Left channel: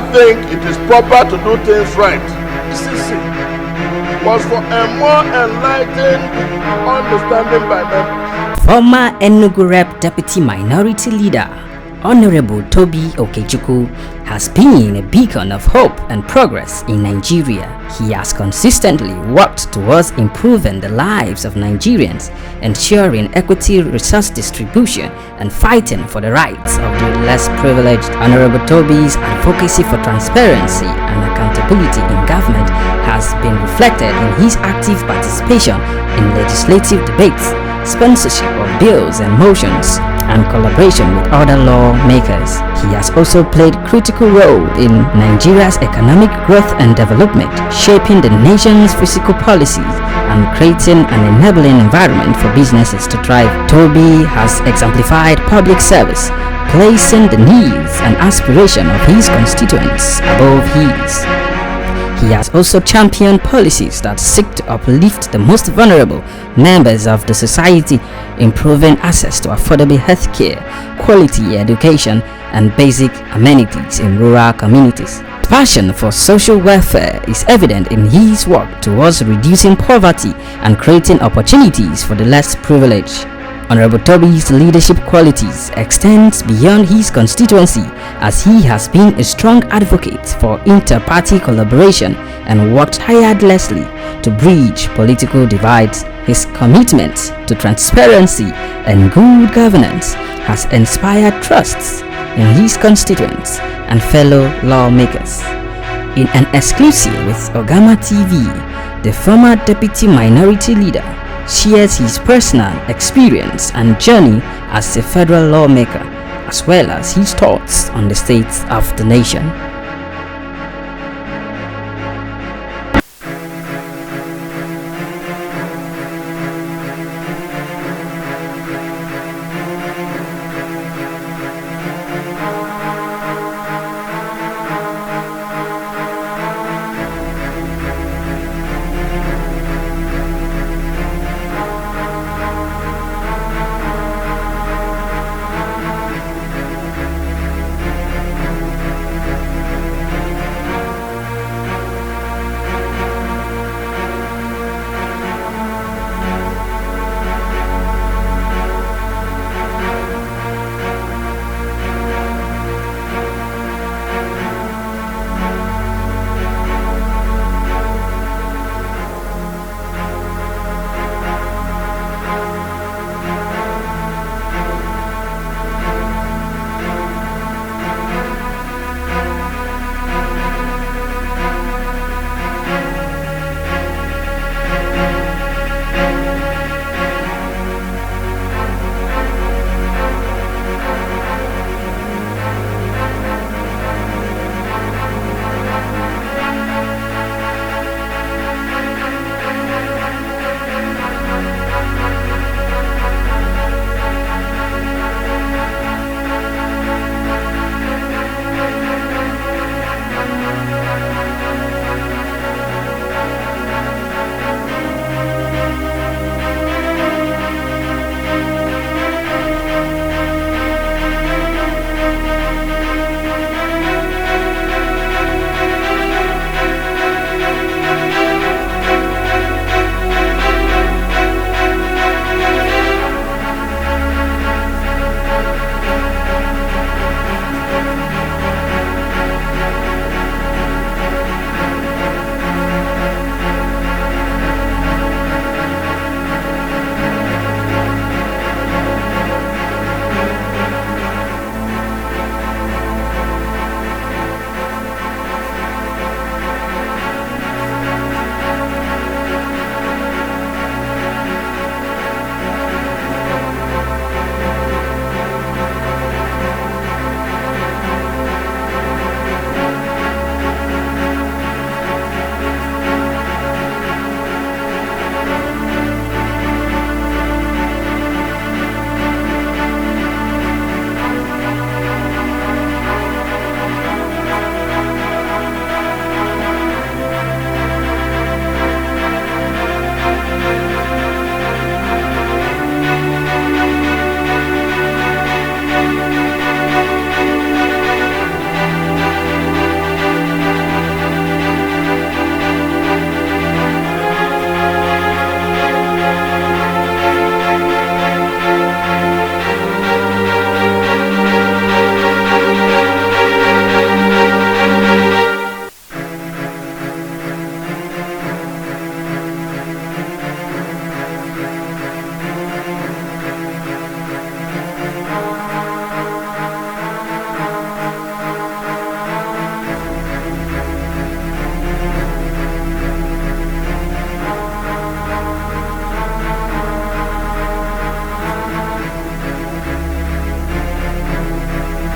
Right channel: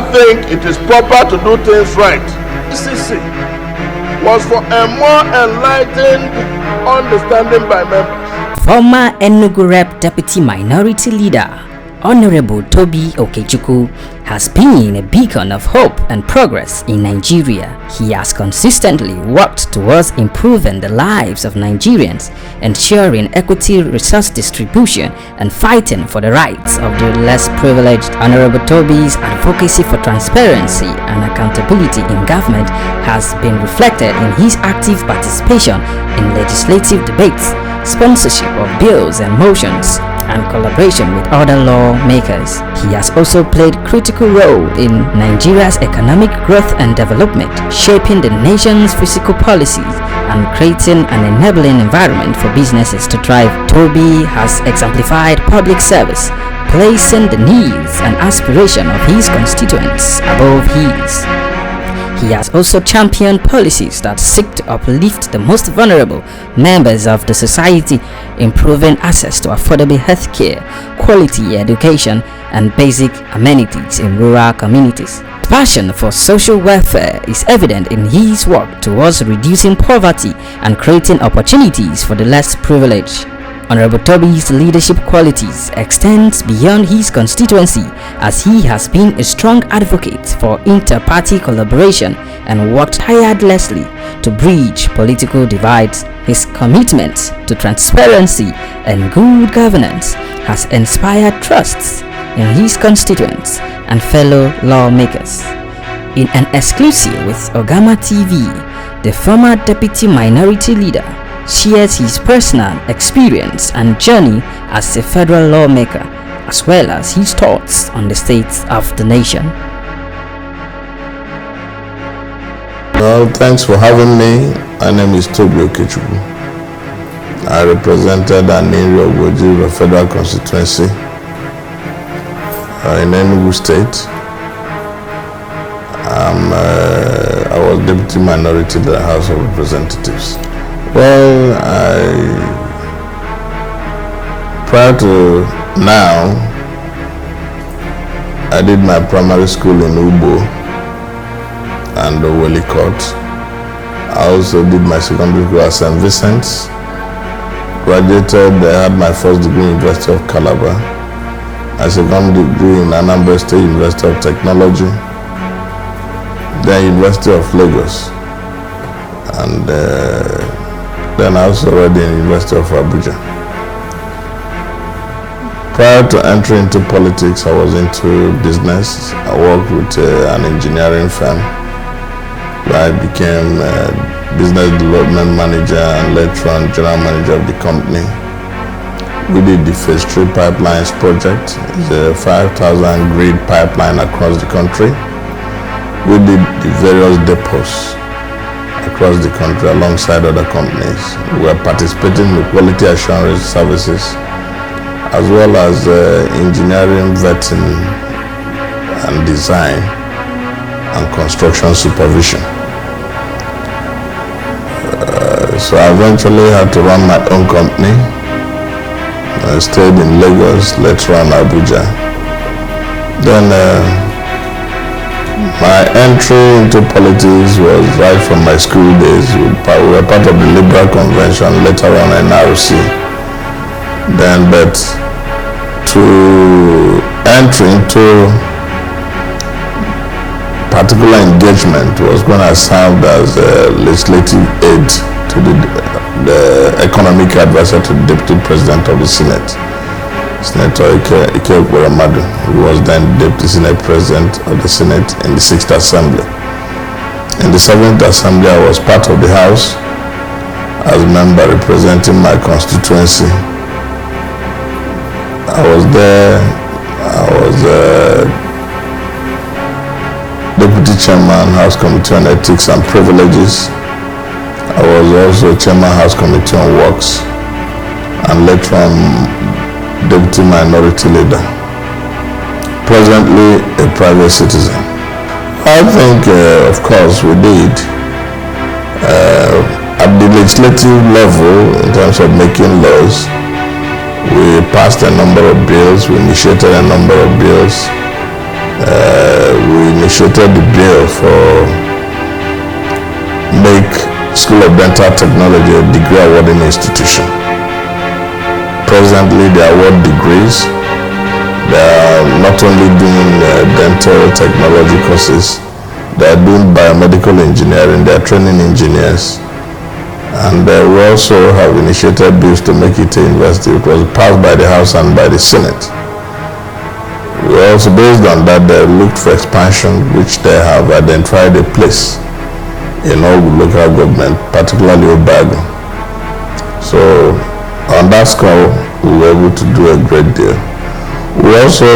I think it is proper to do things right. CC was for a more enlightened understanding by members. Former Enugu Rep Deputy Minority Leader Honorable Toby Okechukwu has been a beacon of hope and progress in Nigeria. He has consistently worked towards improving the lives of Nigerians, ensuring equity resource distribution, and fighting for the rights of the less privileged. Honorable Toby's advocacy for transparency and accountability in government has been reflected in his active participation in legislative debates, sponsorship of bills and motions, and collaboration with other lawmakers. He has also played a critical role in Nigeria's economic growth and development, shaping the nation's fiscal policies and creating an enabling environment for businesses to thrive. Toby has exemplified public service, placing the needs and aspirations of his constituents above his. He has also championed policies that seek to uplift the most vulnerable members of the society, improving access to affordable health care, quality education, and basic amenities in rural communities. Passion for social welfare is evident in his work towards reducing poverty and creating opportunities for the less privileged. Honorable Toby's leadership qualities extend beyond his constituency, as he has been a strong advocate for inter-party collaboration and worked tirelessly to bridge political divides. His commitment to transparency and good governance has inspired trusts in his constituents and fellow lawmakers. In an exclusive with UgamaTV, the former deputy minority leader shares his personal experience and journey as a federal lawmaker, as well as his thoughts on the state of the nation. Well, thanks for having me. My name is Toby Okechukwu. I represented Aninri of Oji Federal Constituency in Enugu State. I was deputy minority in the House of Representatives. Well, prior to now, I did my primary school in Awgu and Wellicott. I also did my secondary school at St. Vincent's. Graduated, I had my first degree in University of Calabar, my second degree in Anambra State University of Technology, then University of Lagos, and then I also read in University of Abuja. Prior to entering into politics, I was into business. I worked with an engineering firm where I became business development manager and later on general manager of the company. We did the Phase 3 pipelines project, the 5,000 grid pipeline across the country. We did the various depots across the country alongside other companies. We are participating in quality assurance services as well as engineering, vetting and design and construction supervision. So I eventually had to run my own company. I stayed in Lagos, later on Abuja. Then my entry into politics was right from my school days. We were part of the Liberal Convention, later on NRC. Then, but to enter into particular engagement was when I served as a legislative aide to the economic advisor to the Deputy President of the Senate, Senator Ike Okporomadu, who was then Deputy Senate President of the Senate in the 6th Assembly. In the 7th Assembly, I was part of the House as a member representing my constituency. I was there, I was Deputy Chairman, House Committee on Ethics and Privileges. I was also Chairman, House Committee on Works, and later on Deputy Minority Leader. Presently a private citizen. I think, of course, we did. At the legislative level, in terms of making laws, we passed a number of bills, we initiated a number of bills, we initiated the bill for make School of Dental Technology a degree awarding institution. Presently, they award degrees. They are not only doing dental technology courses, they are doing biomedical engineering, they are training engineers. And we also have initiated bills to make it a university. It was passed by the House and by the Senate. We also, based on that, they looked for expansion, which they have identified a place in all local government, particularly Awgu. So on that score, we were able to do a great deal. We also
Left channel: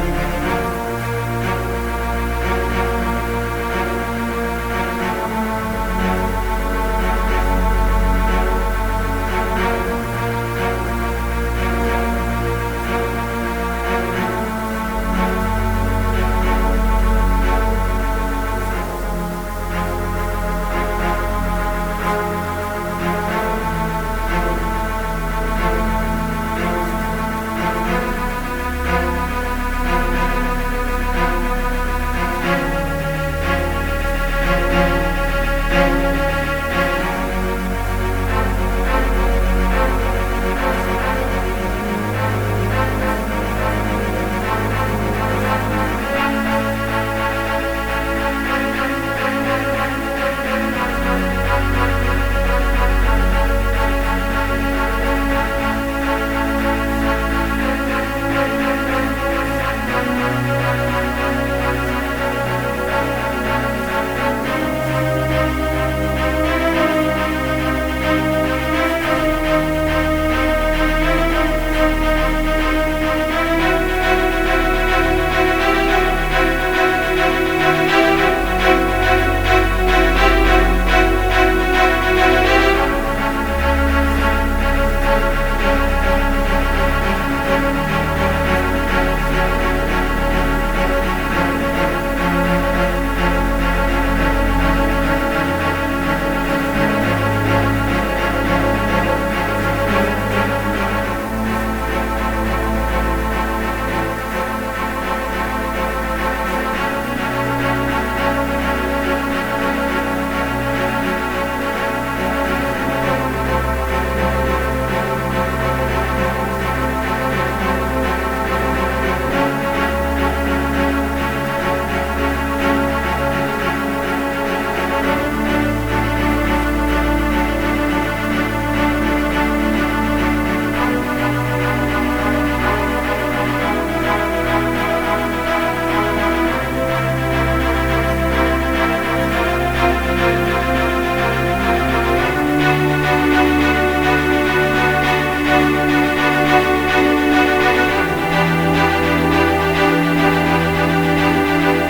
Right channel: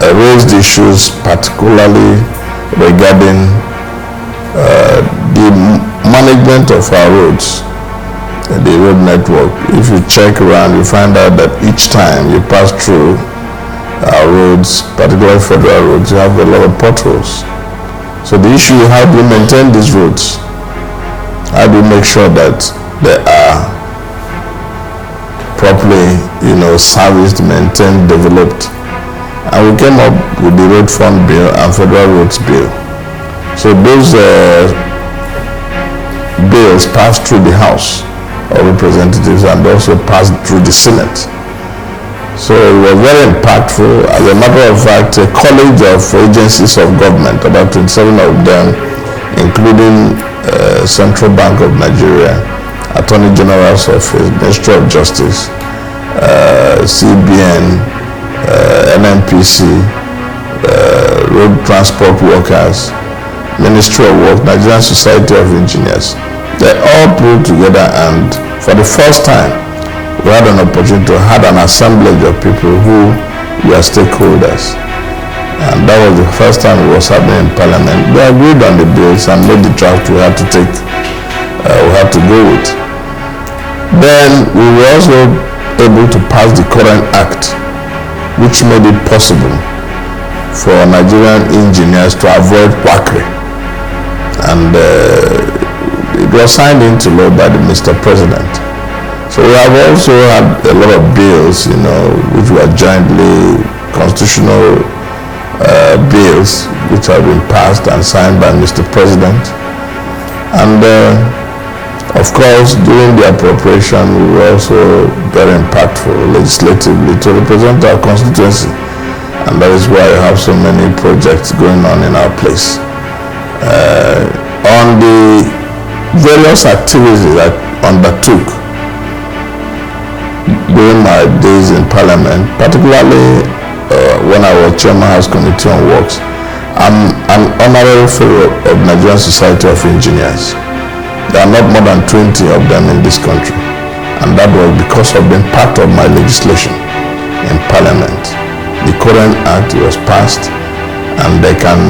raised issues particularly regarding the management of our roads, the road network. If you check around, you find out that each time you pass through our roads, particularly federal roads, you have a lot of potholes. So the issue is, how do you maintain these roads? How do you make sure that they are properly, serviced, maintained, developed? And we came up with the Road Fund Bill and Federal Roads Bill. So those bills passed through the House of Representatives and also passed through the Senate. So it was very impactful. As a matter of fact, a college of agencies of government, about 27 of them, including Central Bank of Nigeria, Attorney General's Office, Ministry of Justice, CBN, NNPC, Road Transport Workers, Ministry of Work, Nigerian Society of Engineers, they all pulled together, and for the first time, we had an opportunity to have an assemblage of people who were stakeholders. And that was the first time it was happening in Parliament. We agreed on the bills and made the draft we had to take, we had to go with. Then we were also able to pass the current act, which made it possible for Nigerian engineers to avoid quackery. And it was signed into law by the Mr. President. So we have also had a lot of bills, which were jointly constitutional bills, which have been passed and signed by Mr. President. And of course, during the appropriation, we were also very impactful legislatively to represent our constituency. And that is why we have so many projects going on in our place. On the various activities that I undertook during my days in Parliament, particularly when I was Chairman House Committee on Works, I'm an honorary fellow of Nigerian Society of Engineers. There are not more than 20 of them in this country, and that was because of being part of my legislation in Parliament. The current act was passed, and they can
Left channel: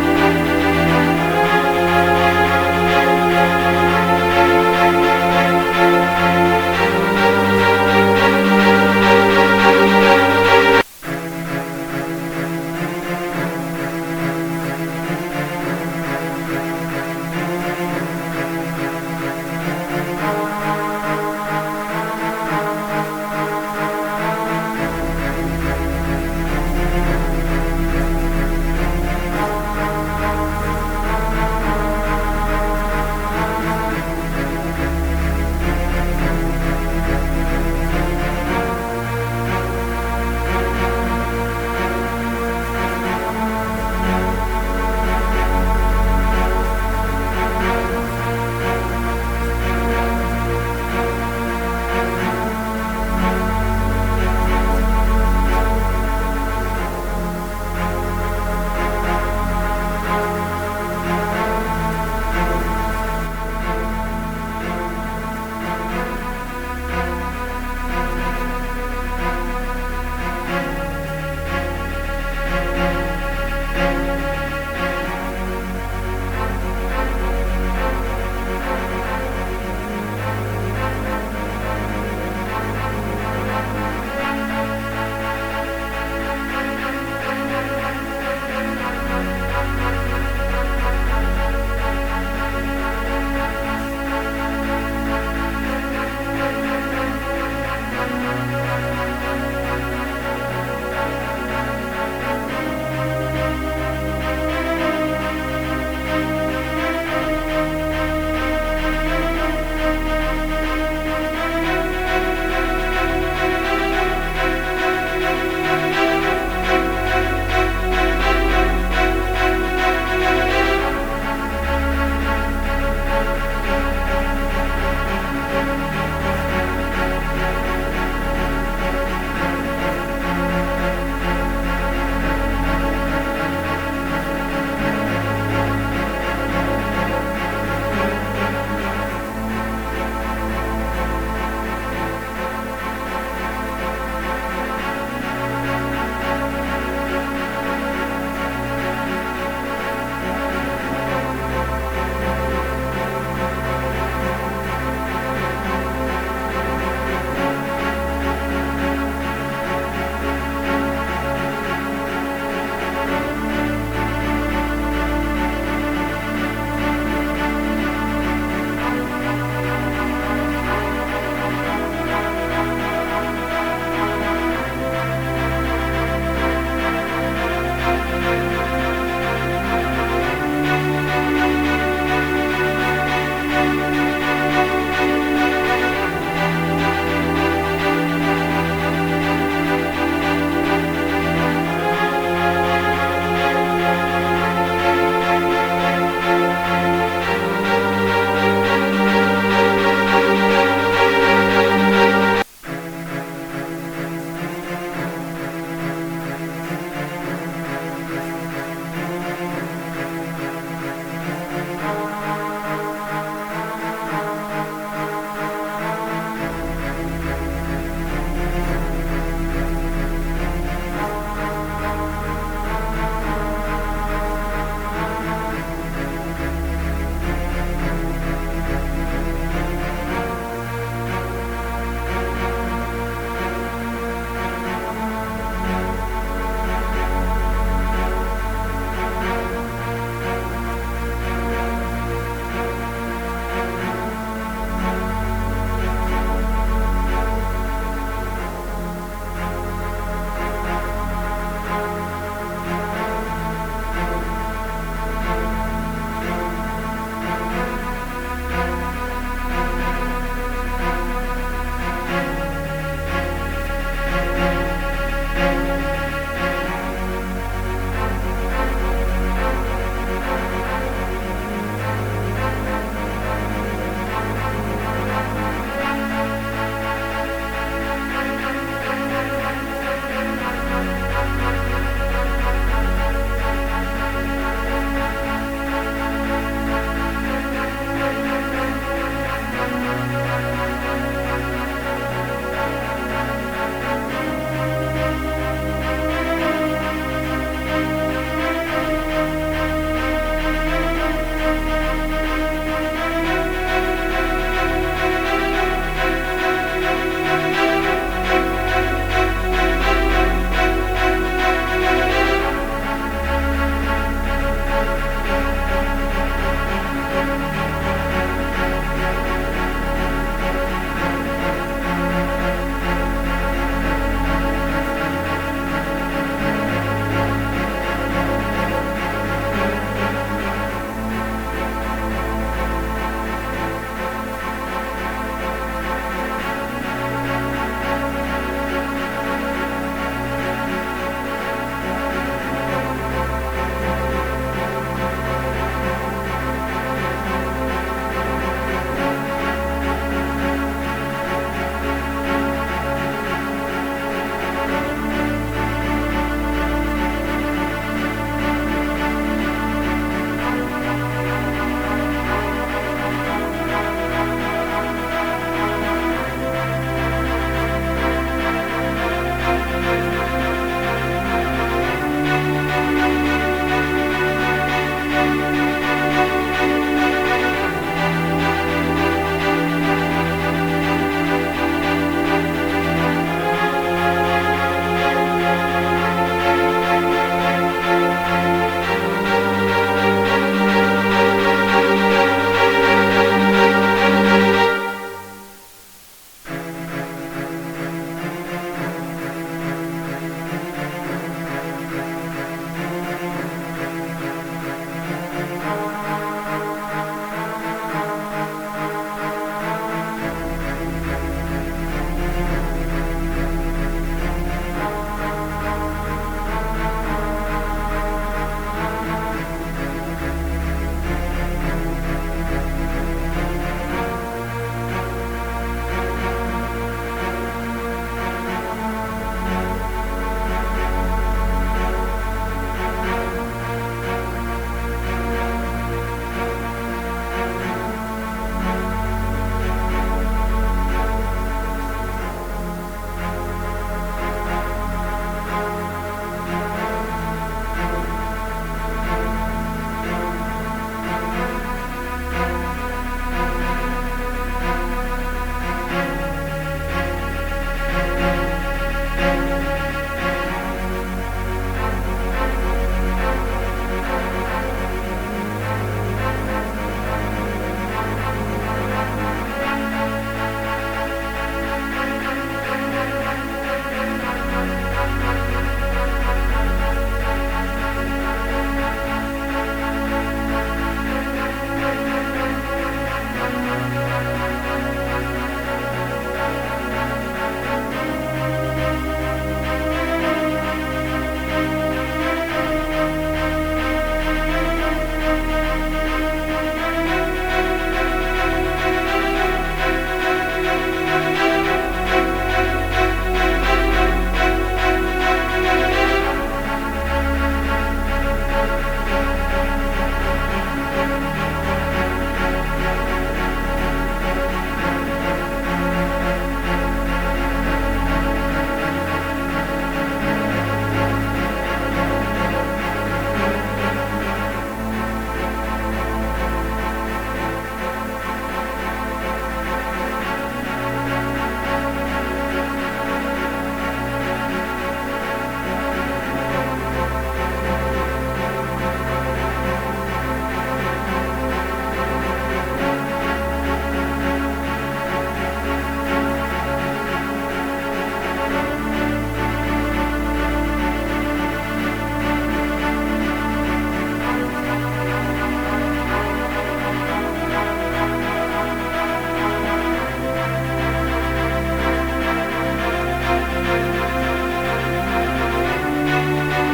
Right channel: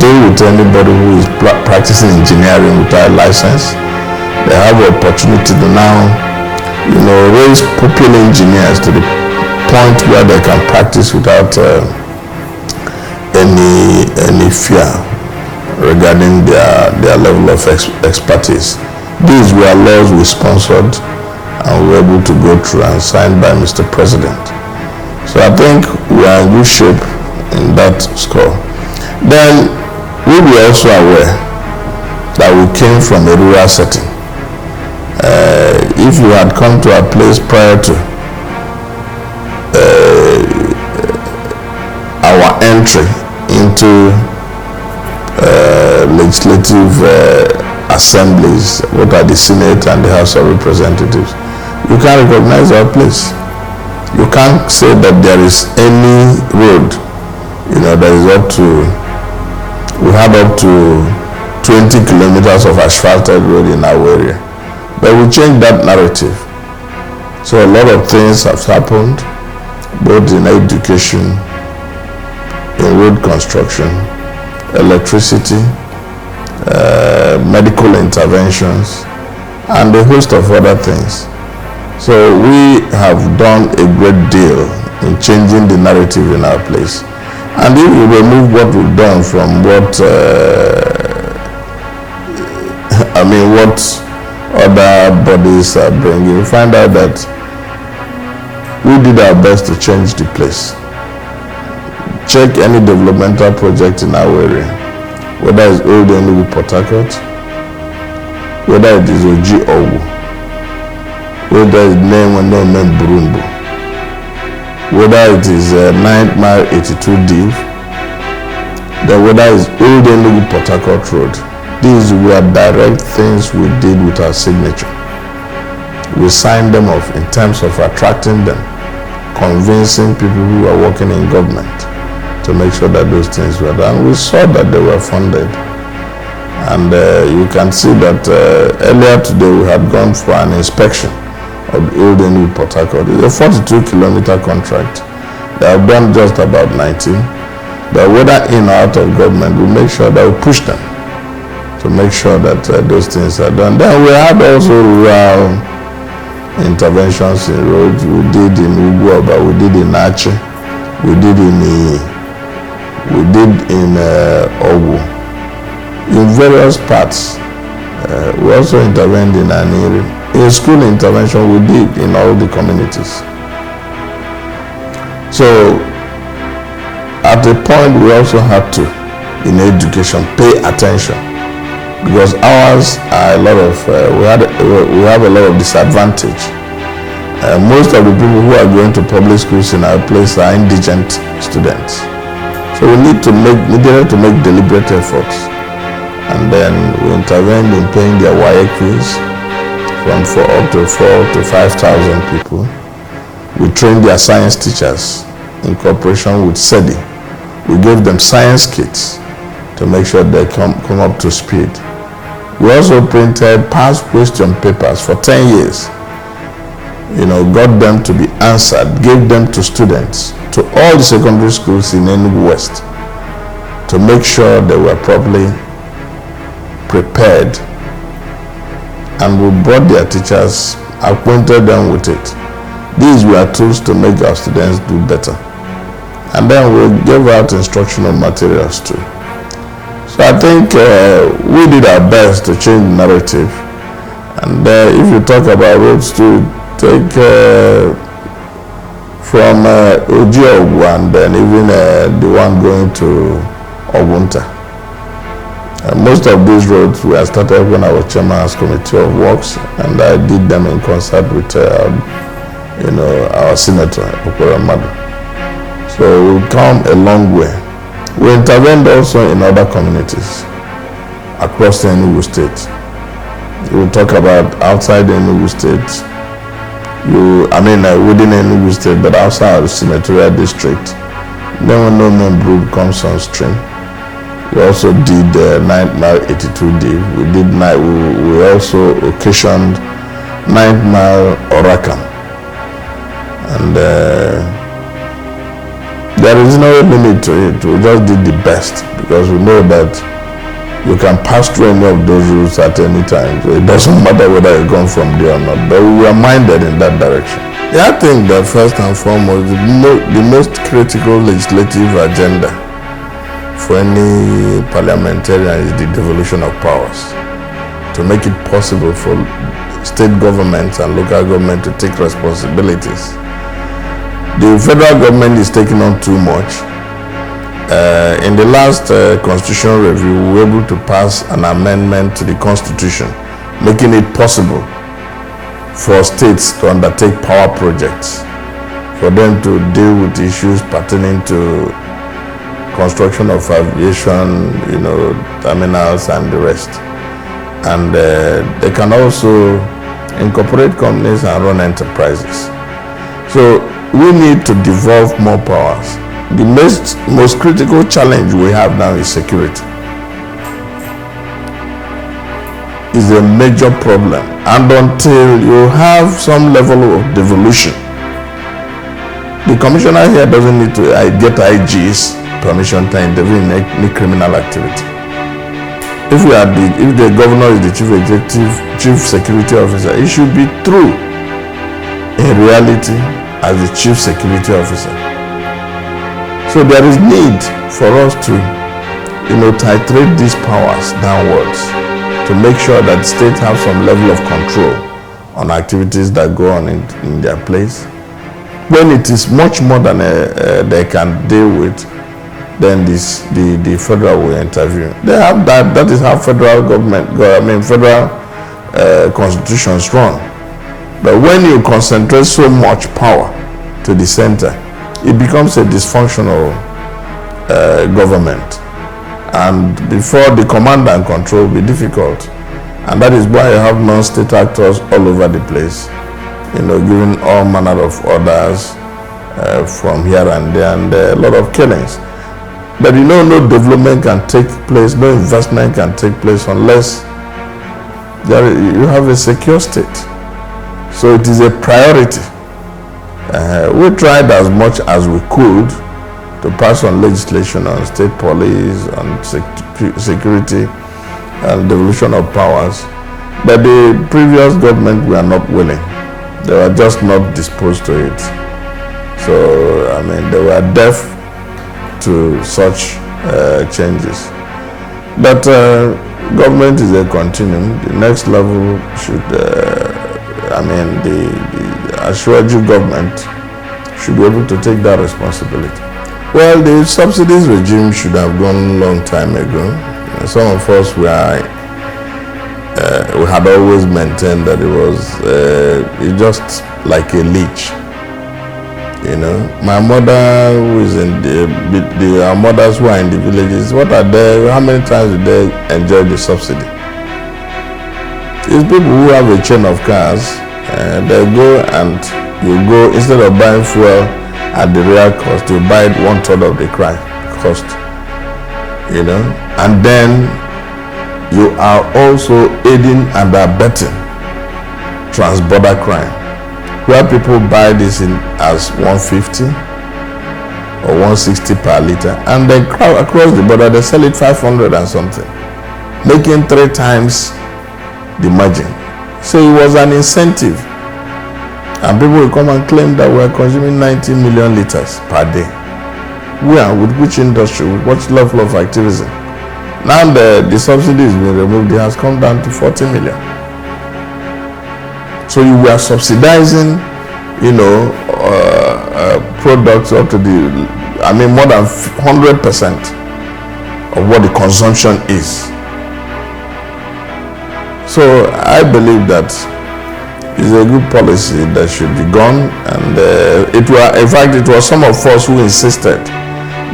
deal with anybody who is practicing engineering without license. They have the opportunity to now raise pupil engineers to the point where they can practice without any fear regarding their level of expertise. These were laws we sponsored and we were able to go through and signed by Mr. President. So I think we are in good shape in that score. Then we were also aware that we came from a rural setting. If you had come to our place prior to our entry into legislative assemblies, what are the Senate and the House of Representatives, you can't recognize our place. You can't say that there is any road, that is up to, we had up to 20 kilometers of asphalted road in our area. But we changed that narrative. So a lot of things have happened, both in education, in road construction, electricity, medical interventions, and a host of other things. So we have done a great deal in changing the narrative in our place. And if we remove what we've done from what other bodies are bringing, we find out that we did our best to change the place. check any developmental project in our area, whether it's Old Enugu Port Harcourt, whether it is Oji Awgu, whether it's name Burundi, whether it is 9th Mile 82D, then whether it's Old Enugu Port Harcourt Road. These were direct things we did with our signature. We signed them off in terms of attracting them, convincing people who are working in government to make sure that those things were done. We saw that they were funded. And you can see that earlier today we had gone for an inspection of the Old Enugu Port Harcourt. It's a 42-kilometer contract. They have done just about 19. But whether in or out of government, we make sure that we push them to make sure that those things are done. Then we had also rural interventions in roads. We did in Uguaba, we did in Ache, we did in Awgu. In various parts, we also intervened in Aninri. In school intervention, we did in all the communities. So, at a point, we also had to, in education, pay attention, because ours are a lot of, we have a lot of disadvantage. Most of the people who are going to public schools in our place are indigent students. So we needed to make deliberate efforts. And then we intervened in paying their wire fees from up to 4,000 to 5,000 people. We trained their science teachers in cooperation with SEDI. We gave them science kits to make sure they come up to speed. We also printed past question papers for 10 years. Got them to be answered, gave them to students, to all the secondary schools in Enugu West, to make sure they were properly prepared. And we brought their teachers, acquainted them with it. These were tools to make our students do better. And then we gave out instructional materials too. So I think we did our best to change the narrative. And if you talk about roads too, take from Oji Awgu and then even the one going to Ogunta. Most of these roads were started when I was chairman's committee of works, and I did them in concert with our senator, So we've come a long way. We intervened also in other communities across the Enugu state. We'll talk about outside the Enugu state. Within Enugu state, but outside the senatorial district. Then when no Brook comes on stream, we also did 9th Mile 82D. We also occasioned 9th Mile Oraka. And there is no limit to it. We just did the best because we know that you can pass through any of those routes at any time. So it doesn't matter whether you come from there or not, but we are minded in that direction. I think that first and foremost, the most critical legislative agenda for any parliamentarian is the devolution of powers, to make it possible for state governments and local government to take responsibilities. The federal government is taking on too much. In the last constitutional review, we were able to pass an amendment to the constitution, making it possible for states to undertake power projects, for them to deal with issues pertaining to construction of aviation, terminals and the rest. And they can also incorporate companies and run enterprises. So we need to devolve more powers. The most critical challenge we have now is security. Is a major problem, and until you have some level of devolution, the commissioner here doesn't need to get IG's permission to intervene in any criminal activity. If the governor is the chief security officer, he should be through in reality as the chief security officer. So there is need for us to, titrate these powers downwards to make sure that the states have some level of control on activities that go on in their place. When it is much more than they can deal with, then the federal will intervene. They have that. That is how federal federal constitutions run. But when you concentrate so much power to the center, it becomes a dysfunctional government. And before the command and control will be difficult. And that is why you have non-state actors all over the place, giving all manner of orders from here and there, and a lot of killings. But no development can take place, no investment can take place unless you have a secure state. So it is a priority. We tried as much as we could to pass on legislation on state police, on security, and devolution of powers. But the previous government were not willing. They were just not disposed to it. So, they were deaf to such changes. But government is a continuum. The next level should, the Ashwaji government should be able to take that responsibility. Well, the subsidies regime should have gone a long time ago. Some of us we had always maintained that it was it's just like a leech. My mother who is in our mothers who are in the villages, what are they? How many times do they enjoy the subsidy? It's people who have a chain of cars, they go and you go, instead of buying fuel at the real cost, you buy it 1/3 of the cost. And then you are also aiding and abetting trans-border crime, where people buy this in as 150 or 160 per liter, and then across the border they sell it 500 and something, making 3 times the margin. So it was an incentive, and people will come and claim that we are consuming 90 million liters per day. Where, with which industry, with what level of activism? Now the subsidy is being removed, it has come down to 40 million. So you were subsidizing, products up to more than 100% of what the consumption is. So I believe that it's a good policy that should be gone, and it was some of us who insisted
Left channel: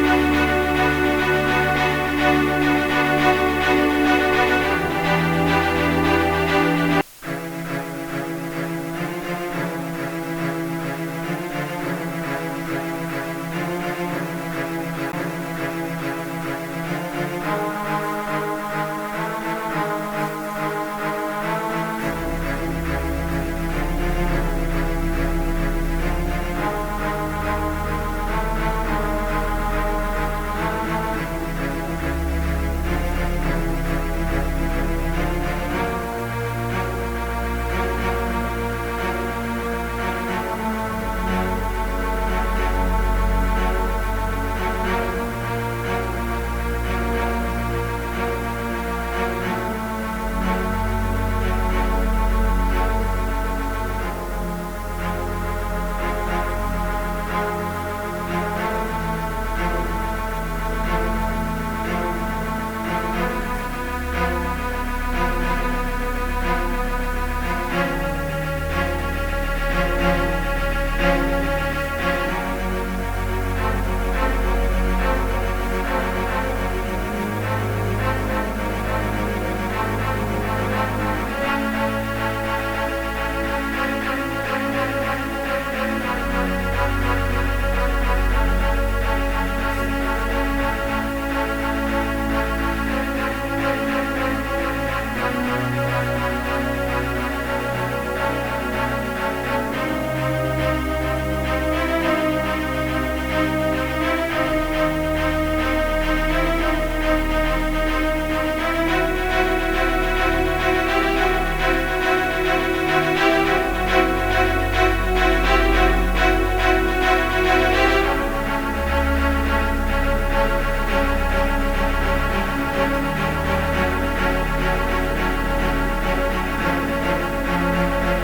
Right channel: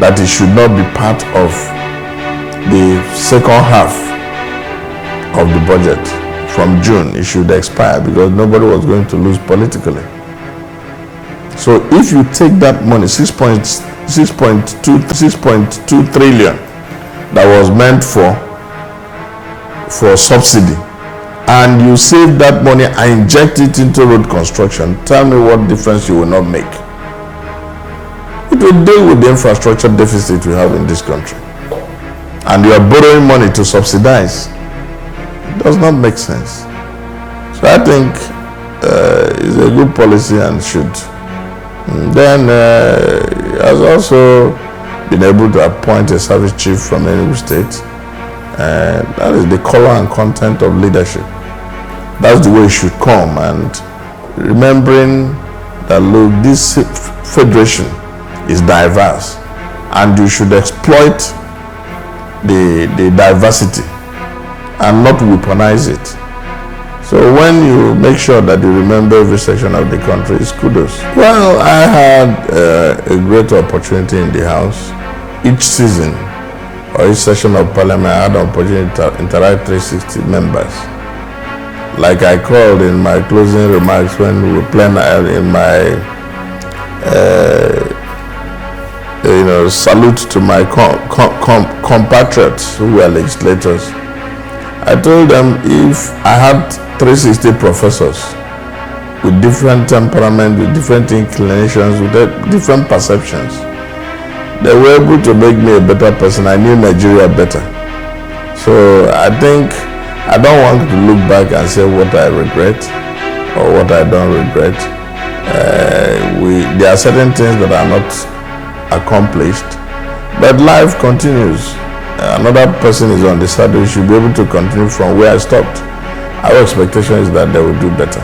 that it should not be part of the second half of the budget. From June, it should expire because nobody was going to lose politically. So if you take that money, 6.2 trillion that was meant for subsidy, and you save that money and inject it into road construction, tell me what difference you will not make. It will deal with the infrastructure deficit we have in this country. And you are borrowing money to subsidize. It does not make sense. So I think it's a good policy and should. Then he has also been able to appoint a service chief from Enugu State. That is the color and content of leadership. That's the way it should come. And remembering that, look, this federation is diverse, and you should exploit the diversity and not weaponize it. So when you make sure that you remember every section of the country, it's kudos. Well, I had a great opportunity in the House. Each season or each session of Parliament, I had an opportunity to interact with 360 members. Like I called in my closing remarks when we were playing in my salute to my compatriots who were legislators. I told them if I had 360 professors with different temperament, with different inclinations, with different perceptions, they were able to make me a better person. I knew Nigeria better. So I think I don't want to look back and say what I regret or what I don't regret. There are certain things that are not accomplished, but life continues. Another person is on the saddle, should be able to continue from where I stopped. Our expectation is that they will do better.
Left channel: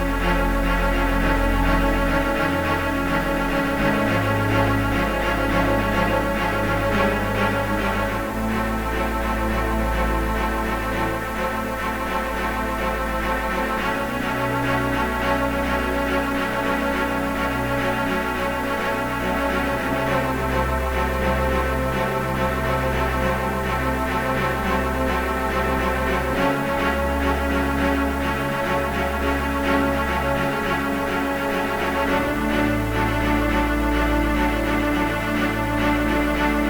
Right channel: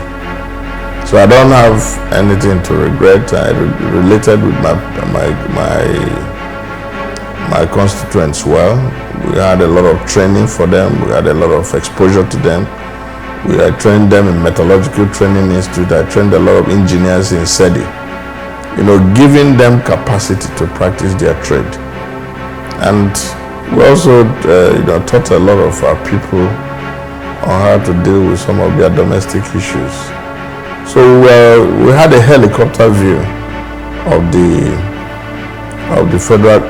So I don't have anything to regret. I related with my my constituents well. We had a lot of training for them. We had a lot of exposure to them. We had trained them in Metallurgical Training Institute. I trained a lot of engineers in SEDI. Giving them capacity to practice their trade. And we also taught a lot of our people on how to deal with some of their domestic issues. So we had a helicopter view of the federal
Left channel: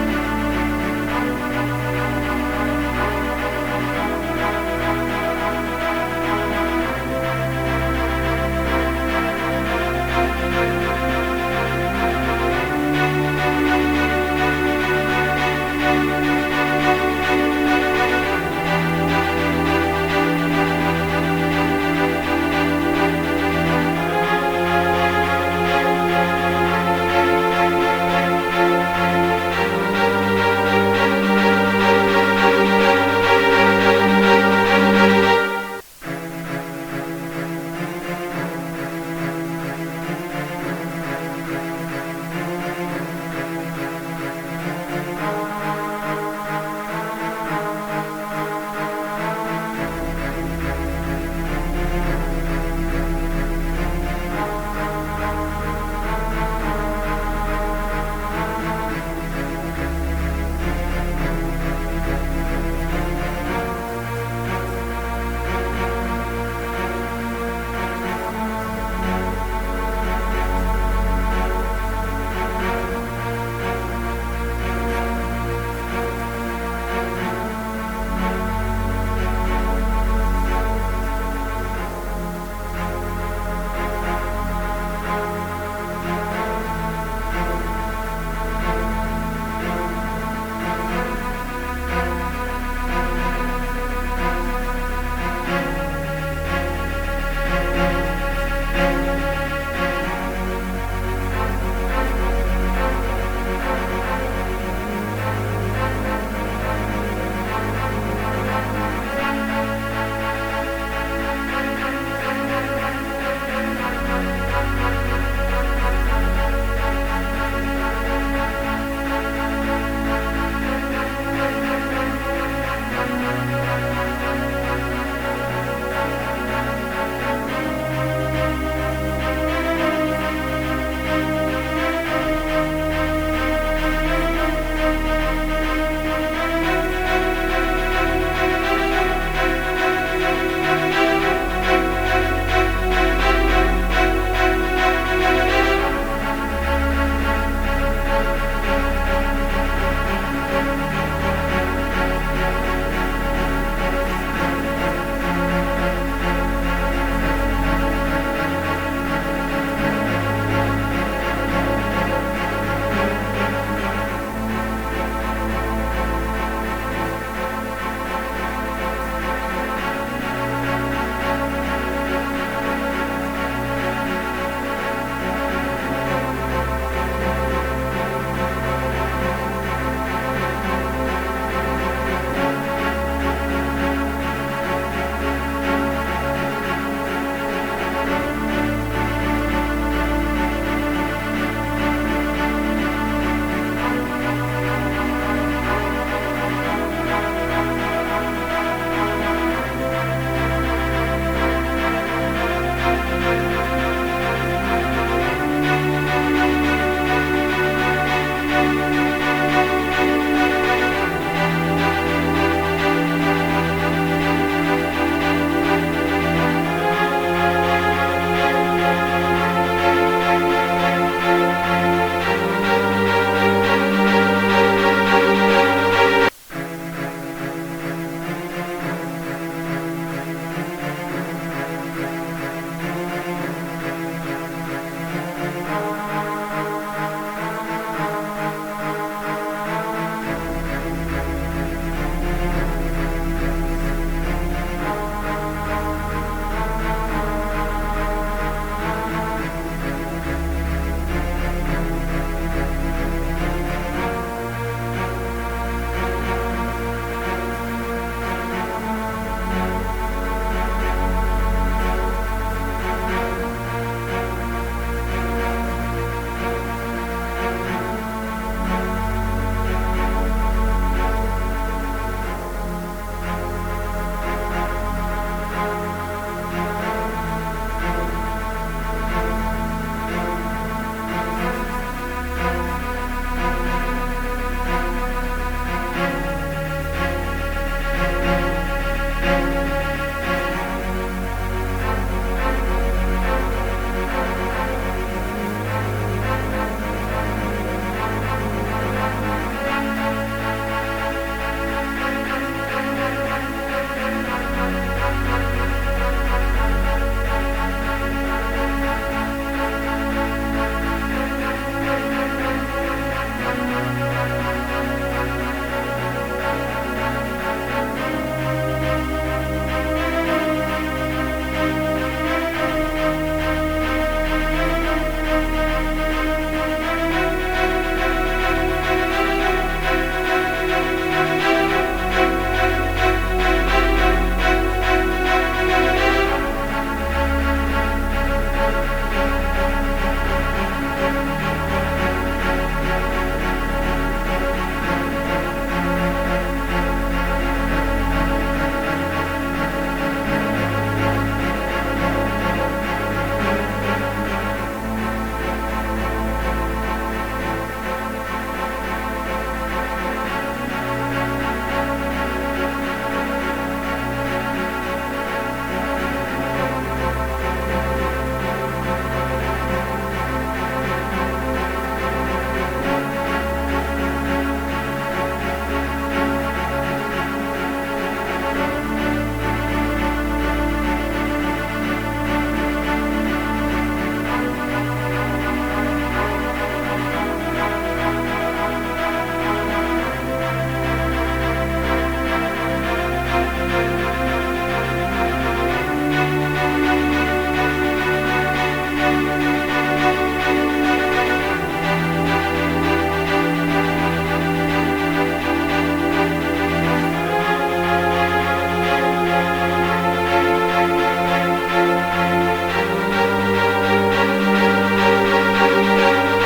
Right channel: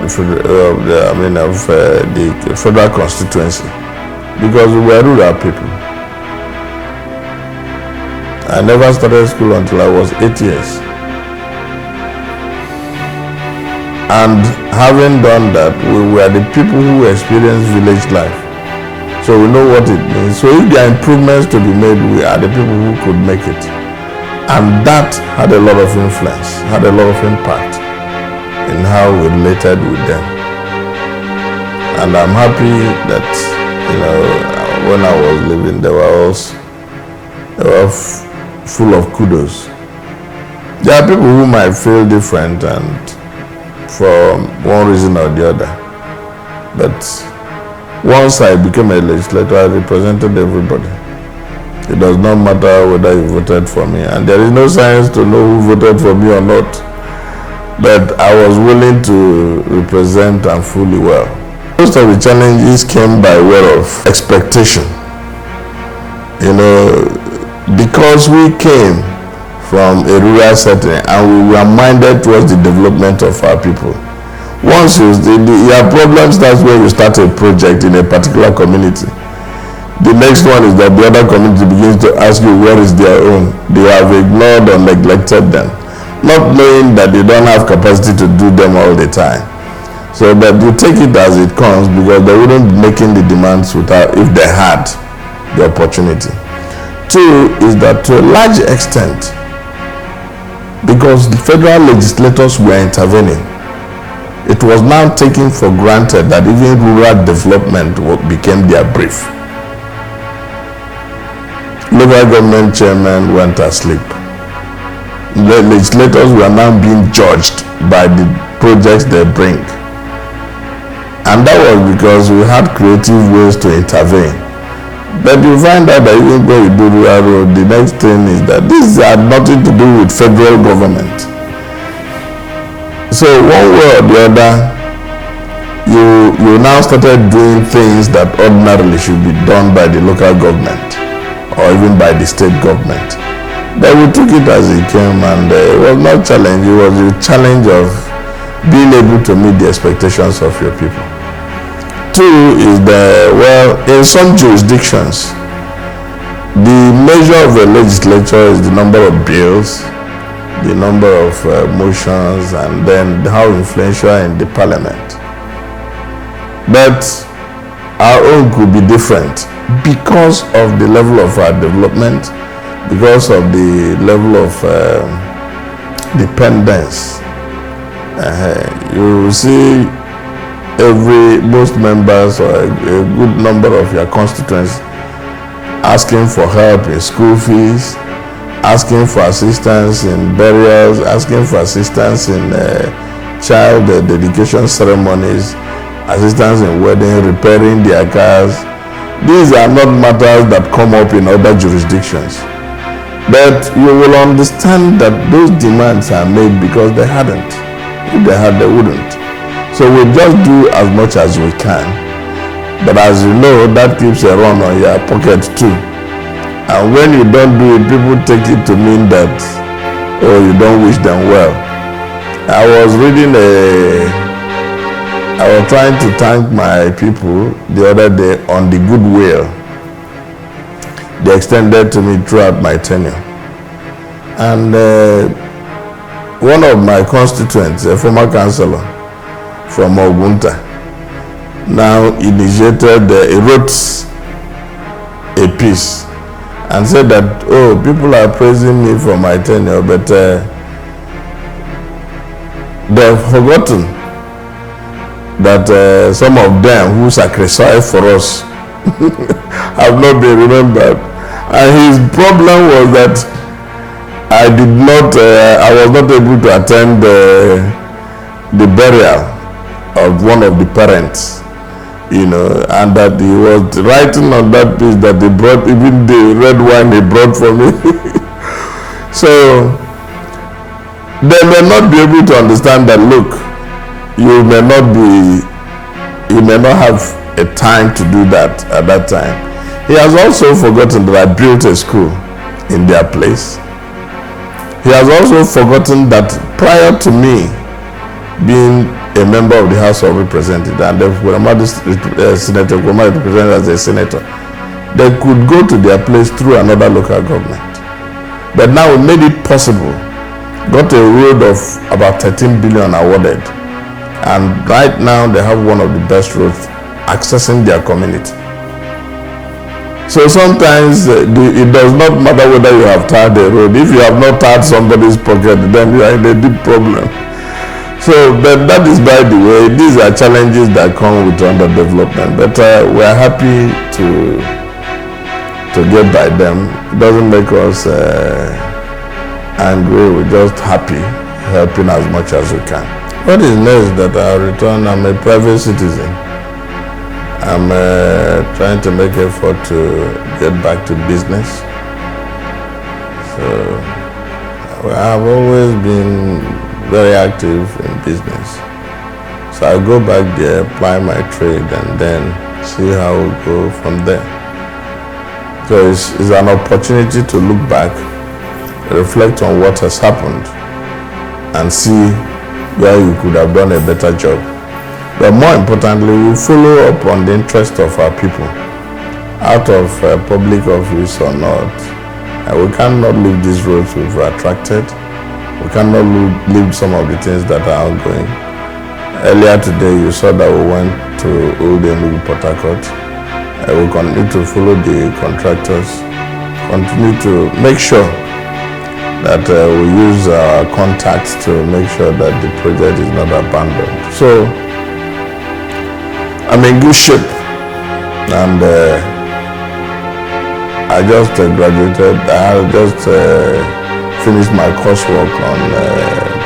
constituency, because we were rural people. I never started school until I was 8 years. And having done that, we were the people who experienced village life. So we know what it means. So if there are improvements to be made, we are the people who could make it. And that had a lot of influence, had a lot of impact in how we related with them. And I'm happy that when I was living, they were full of kudos. There are people who might feel different and for one reason or the other. But once I became a legislator, I represented everybody. It does not matter whether you voted for me, and there is no science to know who voted for me or not. But I was willing to represent and fully well. Most of the challenges came by way of expectation. Because we came from a rural setting and we were minded towards the development of our people. Once your problem starts when you start a project in a particular community. The next one is that the other community begins to ask you where is their own. They have ignored or neglected them, not knowing that they don't have capacity to do them all the time. So that you take it as it comes, because they wouldn't be making the demands without if they had the opportunity. Two is that to a large extent, because the federal legislators were intervening, it was now taken for granted that even rural development became their brief. Local government chairmen went asleep. The legislators were now being judged by the projects they bring. And that was because we had creative ways to intervene. But you find out that even when you do rural road, the next thing is that this had nothing to do with federal government. So one way or the other, you now started doing things that ordinarily should be done by the local government or even by the state government. But we took it as it came, and it was not a challenge, it was a challenge of being able to meet the expectations of your people. Two is in some jurisdictions, the measure of a legislature is the number of bills, the number of motions, and then how influential in the parliament. But our own could be different because of the level of our development, because of the level of dependence. You will see most members or a good number of your constituents asking for help in school fees, asking for assistance in burials, asking for assistance in child dedication ceremonies, assistance in wedding, repairing their cars. These are not matters that come up in other jurisdictions. But you will understand that those demands are made because they hadn't. If they had, they wouldn't. So we just do as much as we can. But as you know, that keeps a run on your pocket too. And when you don't do it, people take it to mean that, you don't wish them well. I was trying to thank my people the other day on the goodwill they extended to me throughout my tenure. And one of my constituents, a former councillor from Ogunta, now initiated, he wrote a piece and said that, people are praising me for my tenure, but they've forgotten that some of them who sacrificed for us have not been remembered. And his problem was that I was not able to attend the burial of one of the parents, you know, and that he was writing on that piece that he brought, even the red wine he brought for me. So they may not be able to understand that, look, you may not have a time to do that at that time. He has also forgotten that I built a school in their place. He has also forgotten that prior to me being a member of the House of Representatives, and Senator Kurama is represented as a senator, they could go to their place through another local government. But now we made it possible. Got a road of about 13 billion awarded, and right now they have one of the best roads accessing their community. So sometimes it does not matter whether you have tarred a road. If you have not tarred somebody's pocket, then you are in a deep problem. So that is by the way. These are challenges that come with underdevelopment. But we are happy to get by them. It doesn't make us angry. We're just happy, helping as much as we can. What is next that I return? I'm a private citizen. I'm trying to make effort to get back to business. So I've always been very active in business. So I go back there, apply my trade, and then see how we go from there. Because it's an opportunity to look back, reflect on what has happened, and see where you could have done a better job. But more importantly, we follow up on the interest of our people, out of public office or not. We cannot leave these roads we've attracted. We cannot leave some of the things that are ongoing. Earlier today, you saw that we went to Enugu Port Harcourt. We continue to follow the contractors, continue to make sure that we use our contacts to make sure that the project is not abandoned. So I'm in good shape, and I just graduated. I just finished my coursework on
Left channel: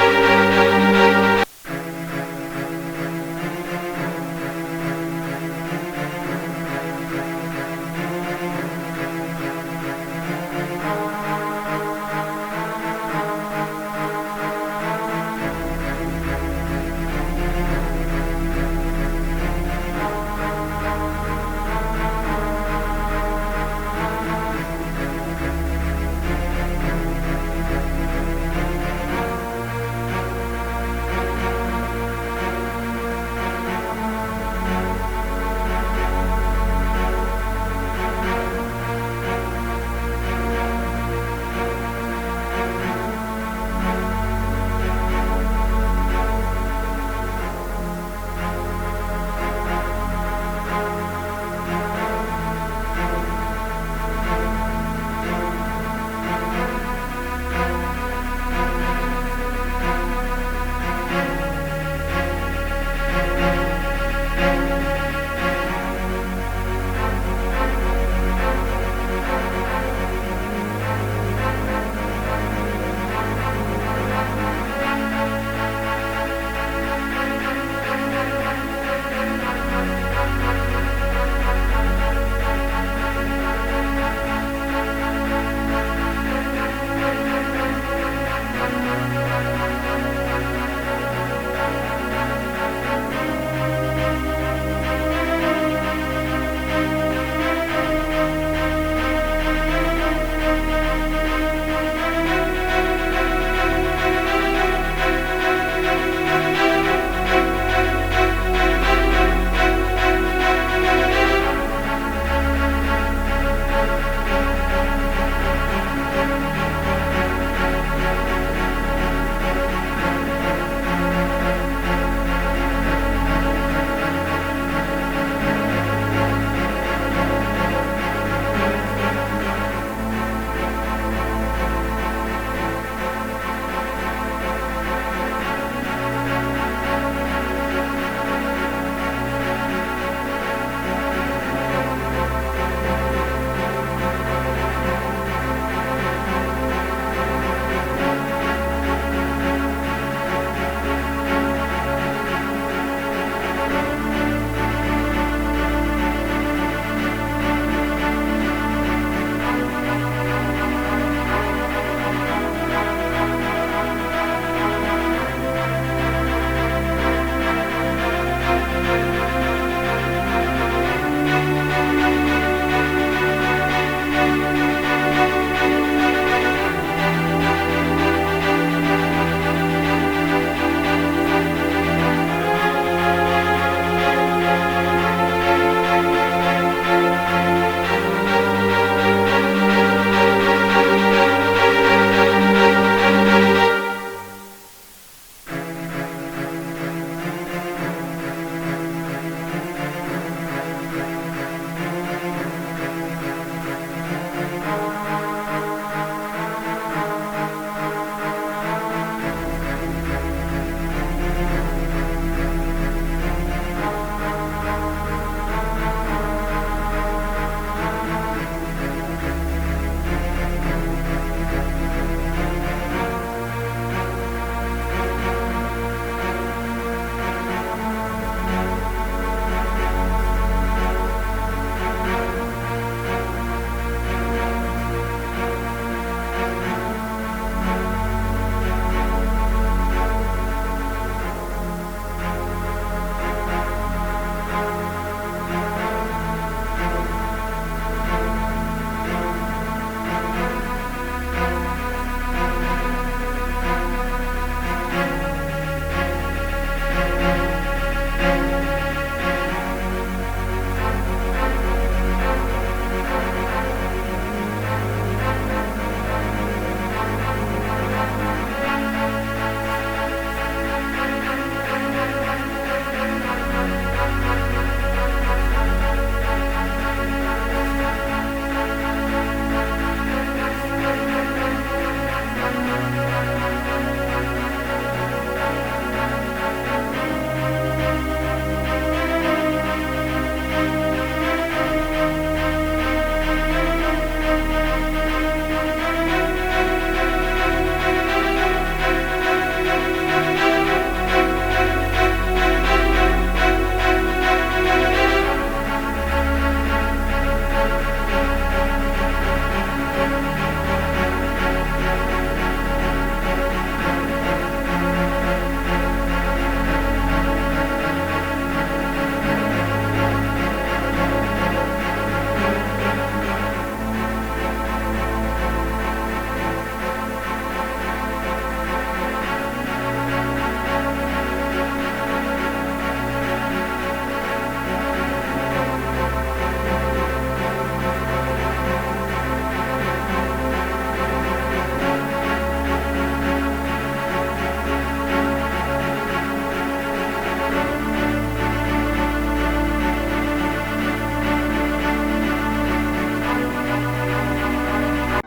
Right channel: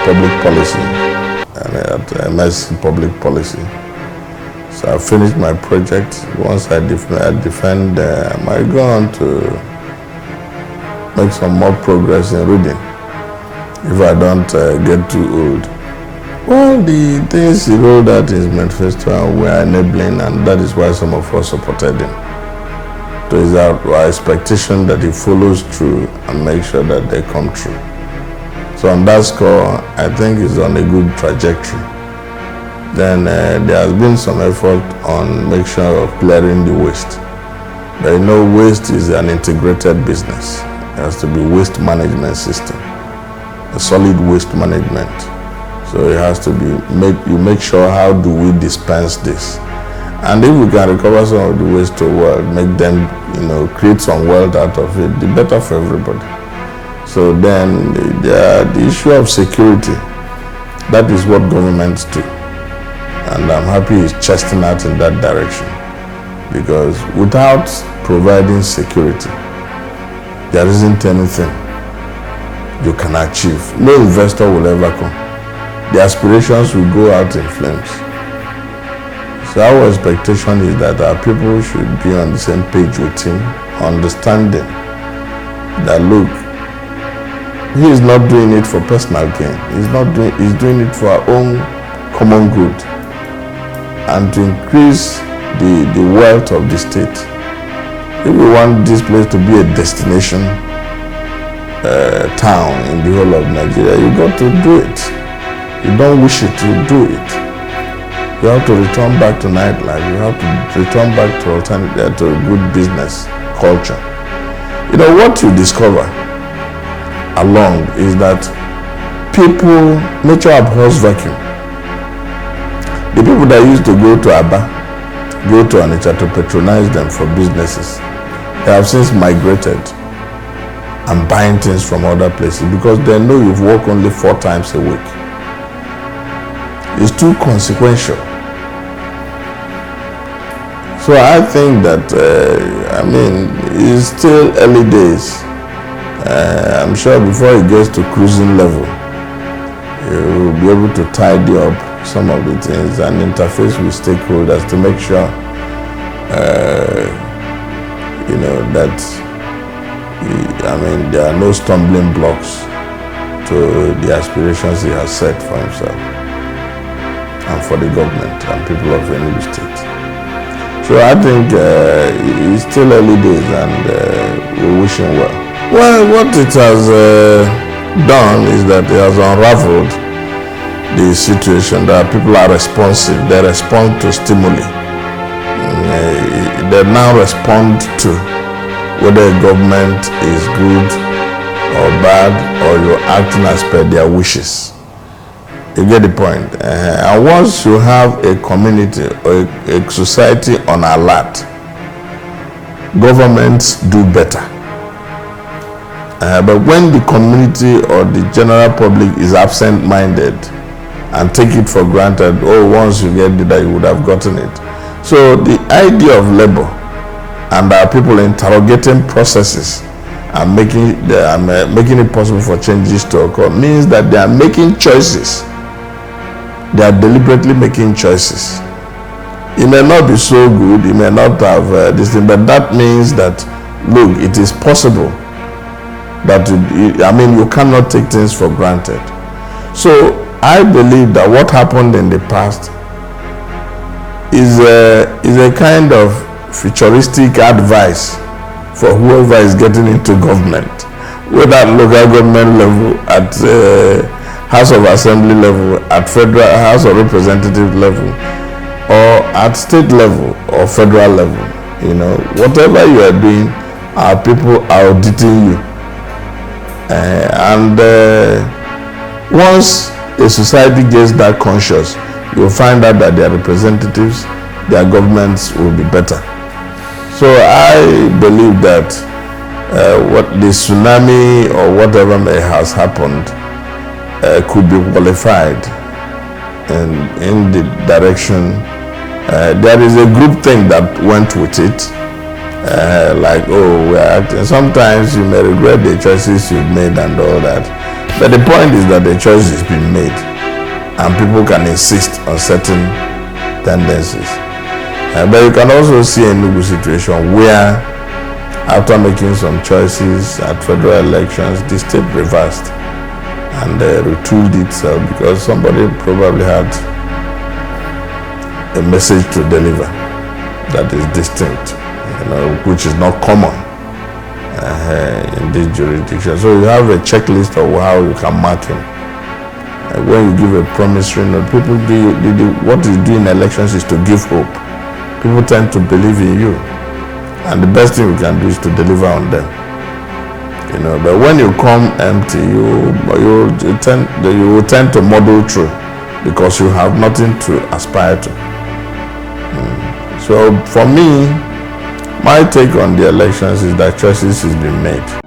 public policy at MS Public Policy. So I finished my project. Once I defend, I might go on to make some more progress in reading if I don't get too old. Well, the things he rolled out in his manifesto were enabling, and that is why some of us supported him. So it's our expectation that he follows through and makes sure that they come true. So on that score, I think he's on a good trajectory. Then there has been some effort on making sure of clearing the waste. But you know, waste is an integrated business. There has to be waste management system, a solid waste management. So it has to be you make sure how do we dispense this, and if we can recover some of the waste to wealth, make them, create some wealth out of it, the better for everybody. So then the issue of security, that is what governments do, and I'm happy he's chesting out in that direction, because without providing security, there isn't anything you can achieve. No investor will ever come. The aspirations will go out in flames. So our expectation is that our people should be on the same page with him, understanding that, look, he is not doing it for personal gain. He's doing it for our own common good and to increase the wealth of the state. If we want this place to be a destination town in the whole of Nigeria, you got to do it. You don't wish it, you do it. You have to return back to nightlife. You have to return back to a good business culture. What you discover along is that nature abhors vacuum. The people that used to go to Aba, go to Onitsha to patronize them for businesses, they have since migrated and buying things from other places because they know you've worked only 4 times a week. It's too consequential. So I think that, it's still early days. I'm sure before it gets to cruising level, he will be able to tidy up some of the things and interface with stakeholders to make sure, that there are no stumbling blocks to the aspirations he has set for himself and for the government and people of Enugu State. So I think it's still early days and we wish him well. Well, what it has done is that it has unraveled the situation that people are responsive. They respond to stimuli. They now respond to whether a government is good or bad or you're acting as per their wishes. You get the point. And once you have a community or a society on alert, governments do better. But when the community or the general public is absent-minded and take it for granted, once you get that, you would have gotten it. So the idea of labor and our people interrogating processes and making it possible for changes to occur means that they are making choices. They are deliberately making choices. It may not be so good, you may not have this thing, but that means that, look, it is possible that, you cannot take things for granted. So I believe that what happened in the past is a kind of futuristic advice for whoever is getting into government, whether at local government level, at House of Assembly level, at Federal House of Representative level, or at state level or federal level. Whatever you are doing, our people are auditing you. Once a society gets that conscious, you'll find out that their representatives, their governments will be better. So I believe that what the tsunami or whatever may has happened could be qualified in the direction. There is a group thing that went with it, we're acting. Sometimes you may regret the choices you've made and all that, but the point is that the choice has been made and people can insist on certain tendencies. But you can also see a Enugu situation where, after making some choices at federal elections, the state reversed and retooled itself because somebody probably had a message to deliver that is distinct, which is not common in this jurisdiction. So you have a checklist of how you can mark him. When you give a promissory note, people what you do in elections is to give hope. People tend to believe in you, and the best thing you can do is to deliver on them. But when you come empty, you will tend to muddle through because you have nothing to aspire to. So for me, my take on the elections is that choices has been made.